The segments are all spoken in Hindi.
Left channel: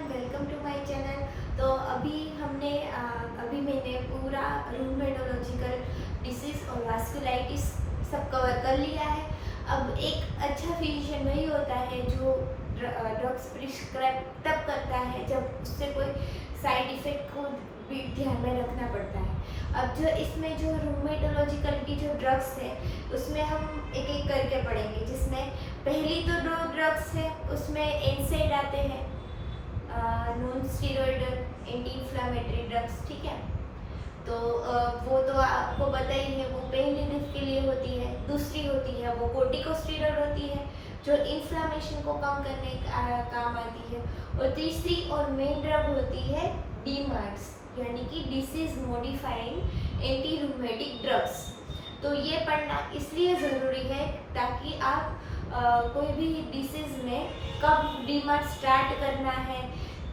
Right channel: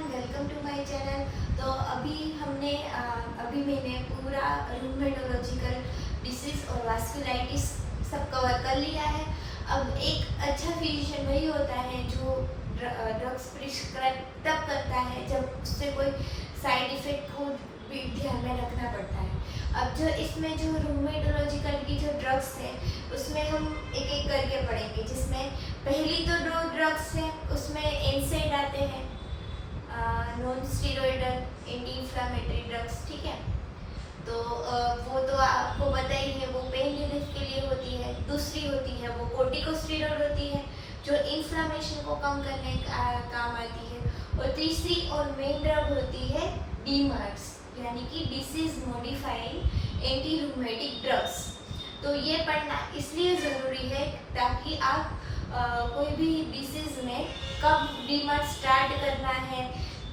Everyone, welcome to my channel. तो अभी मैंने पूरा रूमेटोलॉजिकल डिसीज और वास्कुलाइटिस सब कवर कर लिया है। अब एक अच्छा फिजिशियन वही होता है जो ड्रग्स प्रिस्क्राइब तब करता है जब उससे कोई साइड इफेक्ट को भी ध्यान में रखना पड़ता है। अब इसमें जो रूमेटोलॉजिकल की जो ड्रग्स है उसमें हम एक एक करके पढ़ेंगे, जिसमें पहली तो दो ड्रग्स है उसमें एनसेड आते हैं, non steroidal anti inflammatory drugs. ठीक है, तो वो तो आपको पता ही है, वो पेन रिलीफ के लिए होती है। दूसरी होती है वो कोर्टिकोस्टेरॉइड होती है जो इन्फ्लेमेशन को कम करने का काम आती है। और तीसरी और मेन ड्रग होती है डीमार्ट्स, यानी कि disease modifying anti rheumatic drugs. तो ये पढ़ना इसलिए ज़रूरी है ताकि आप कोई भी डिसीज़ में कब डीमार्ट स्टार्ट करना है,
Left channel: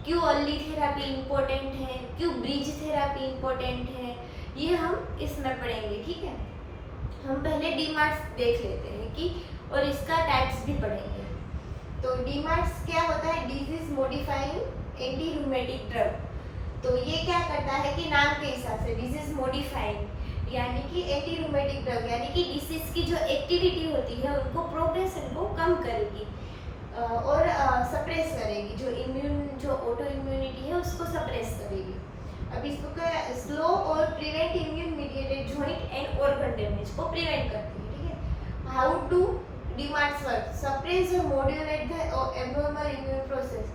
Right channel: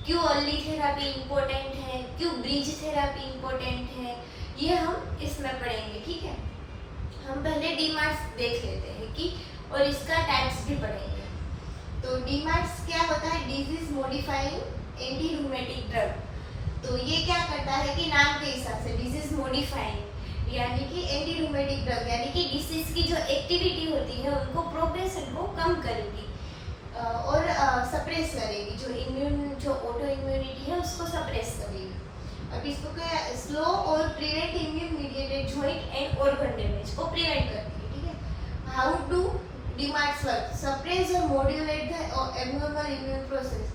क्यों अर्ली थेरापी इम्पोर्टेंट है, क्यों ब्रिज थेरापी इम्पोर्टेंट है, ये हम इसमें पढ़ेंगे। ठीक है, हम पहले डीमार्ट्स देख लेते हैं कि और इसका टाइप्स भी पढ़ेंगे। तो डीमार्ट्स क्या होता है? Disease modifying anti rheumatic drug. तो ये क्या करता है कि नाम के हिसाब से डिजीज मॉडिफाइंग यानी कि एंटी रूमेटिक ड्रग, यानी कि डिसीज की जो एक्टिविटी होती है उनको प्रोग्रेशन को कम करेगी और सप्रेस करेगी, जो ऑटो इम्यूनिटी है उसको सप्रेस करेगी। अब इसको क्या स्लो और prevent immune mediated joint and organ damage को प्रिवेंट करती है। ठीक है, हाउ टू डीमार्ट्स वर्क? सप्रेस और modulate the abnormal immune process.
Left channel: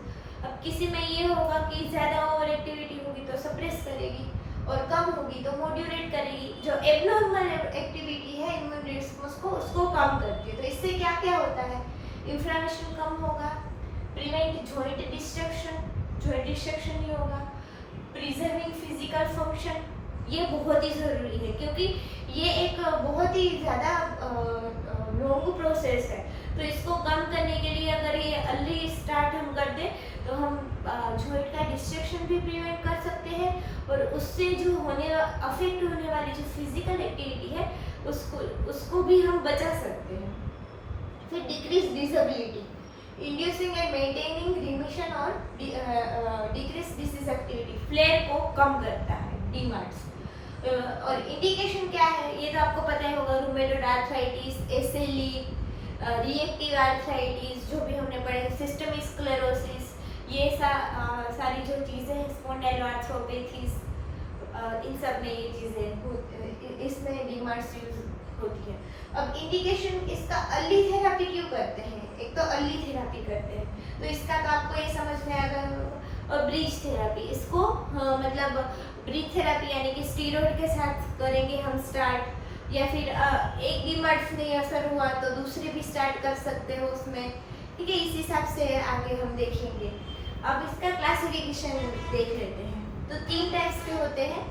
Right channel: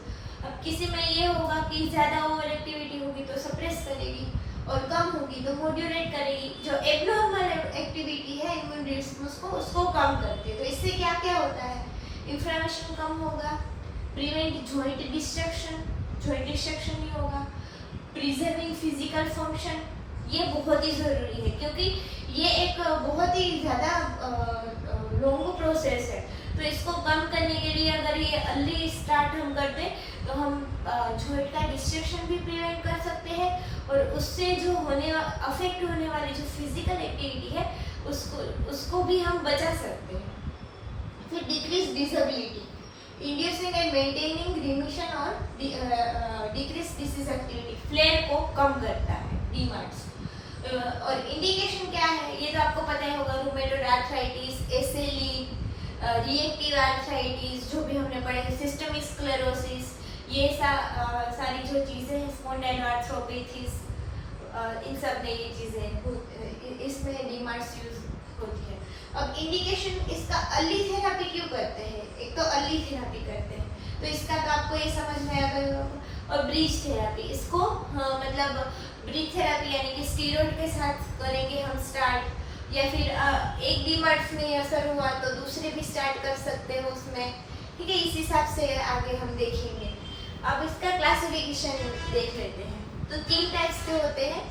अब किसी में ये होगा कि ज़्यादा ओवर एक्टिविटी होगी तो सप्रेस करेगी और कम होगी तो मॉड्यूलेट करेगी। जो एब्नॉर्मल एक्टिविटी है इम्यून रिस्पॉन्स को उसको कम करती है। तो इससे क्या क्या होता है? इन्फ्लेमेशन कम होगा, प्रिवेंट जॉइंट डिस्ट्रक्शन नहीं होगा, प्रिजर्विंग फिजिकल फंक्शन। ये बहुत ही ज़रूरी है क्योंकि ये एक बहुत ही ज़्यादा लॉन्ग प्रोसेस है। तो इसको कम करने के लिए अगर ये अर्ली स्टार्ट हम कर दें तो हम जॉइंट का डिस्ट्रक्शन भी प्रिवेंट कर सकते हैं और उससे जो अफेक्ट होने वाली जो फिजिकल एक्टिविटी है उसको भी हम बचा सकते हैं। फिर decrease disability, inducing and maintaining remission और डिक्रीज डिसीज एक्टिविटी, फ्लेयर को कम करता है डीमार्ट्स। और इंडिकेशन क्या है ये तो आपको पता ही होगा, rheumatoid arthritis, SLE, reactive arthritis, जो भी हमने पढ़े, सिस्टमिक स्क्लेरोसिस, ये सारी जो चीज़ें हैं, स्पॉन्डाइलोआर्थ्रोपैथीज, इन सब में ये चीज़ें इसमें डीमार्ट्स यूज होती है। अब इंडिकेशन इसका अर्ली थेरापी क्यों करते हैं? एक तो अर्ली थेरापी करते हैं तो इसका तो आपको ये समझ में आ गया होगा। और ब्रिज थेरापी, इसको मतलब ब्रिज थेरापी यानी कि स्टीरॉइड के साथ करेंगे हम स्टार्ट, या फिर एक डीमार्ट्स में असर हुआ तो दूसरे भी स्टार्ट कर सकते हो उसमें। ठीक है, इस हिसाब से आगे हम देखेंगे। अब इसका क्लासिफिकेशन देख लेते हैं। तो 3 टाइप्स के होते हैं।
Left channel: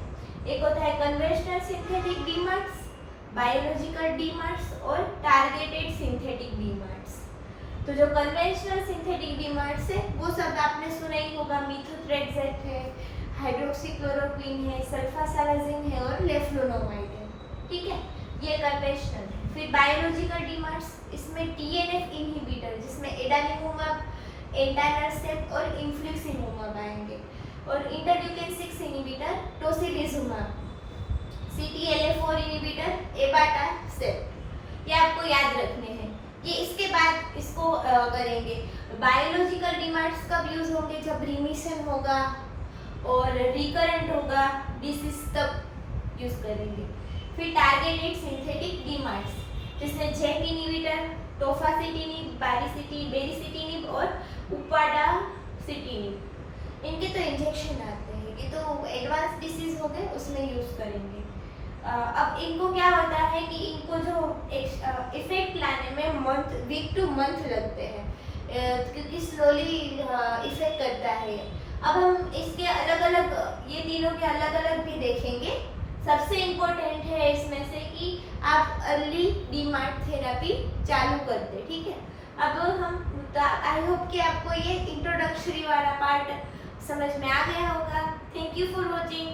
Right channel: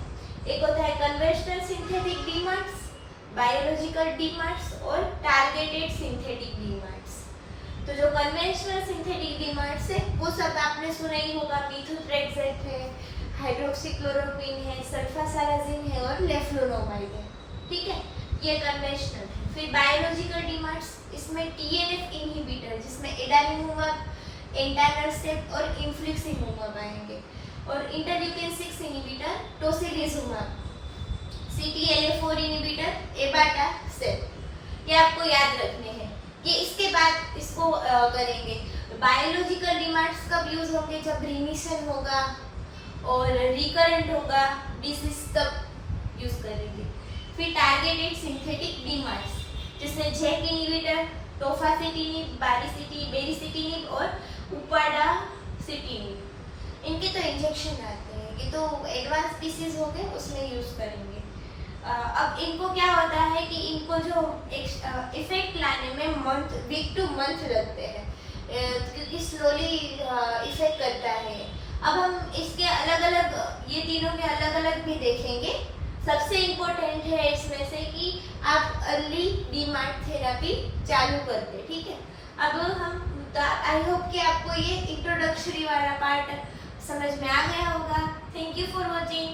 एक होता है कन्वेंशनल सिंथेटिक डीमार्ट्स, बायोलॉजिकल डीमार्ट्स और टारगेटेड सिंथेटिक डीमार्ट्स। तो जो कन्वेंशनल सिंथेटिक डीमार्ट्स है वो सब आपने सुना ही होगा, मीथोट्रेक्सेट है, हाइड्रोक्सीक्लोरोक्विन है, सल्फासालाजिन है और लेफ्लोनोमाइड है। ठीक है, ये कन्वेंशनल है। फिर बायोलॉजिकल डीमार्ट्स, इसमें टीएनएफ इनहिबिटर जिसमें एडानिमुमाब, एंटानरसेप्ट और इन्फ्लिक्सिमुमाब आएंगे। और इंटरल्यूकिन 6 इनहिबिटर टोसिलिजुमाब, CTLA4 इनहिबिटर एबाटासेप्ट, ये आपको याद रखने हैं। ये इसके बाद इसको करेंगे। बायोलॉजिकल डीमार्ट्स कब यूज होंगे? जब रिमिशन होगा और रिकरेंट होगा डिसीज, तब यूज करेंगे। फिर टारगेटेड सिंथेटिक डीमार्ट्स जिसमें जेक इनहिबिटर, टोफासिटिनिब, बेरिसिटिनिब और उपाडासिटिनिब, इनके तो इंजेक्शन आते हैं, ये तो एडवांस डिसीज हो गए उसमें यूज करेंगे। अब इनको क्या होता है कि इनको जो इफेक्ट लाने में वीक टू मंथ लगते हैं क्योंकि स्लोली इफेक्ट करता है। अब हम इसके अलग अलग, ये तीनों के अलग अलग भी देखेंगे। सबसे इम्पोर्टेंट है इसमें से कि आप अर्ली डीमार्ट थेरापी चालू कर दें। ठीक है, अब हम आई होप कि आपको ये इंट्रोडक्टरी वाला पार्ट समझ में आ गया होगा। Thank you for watching.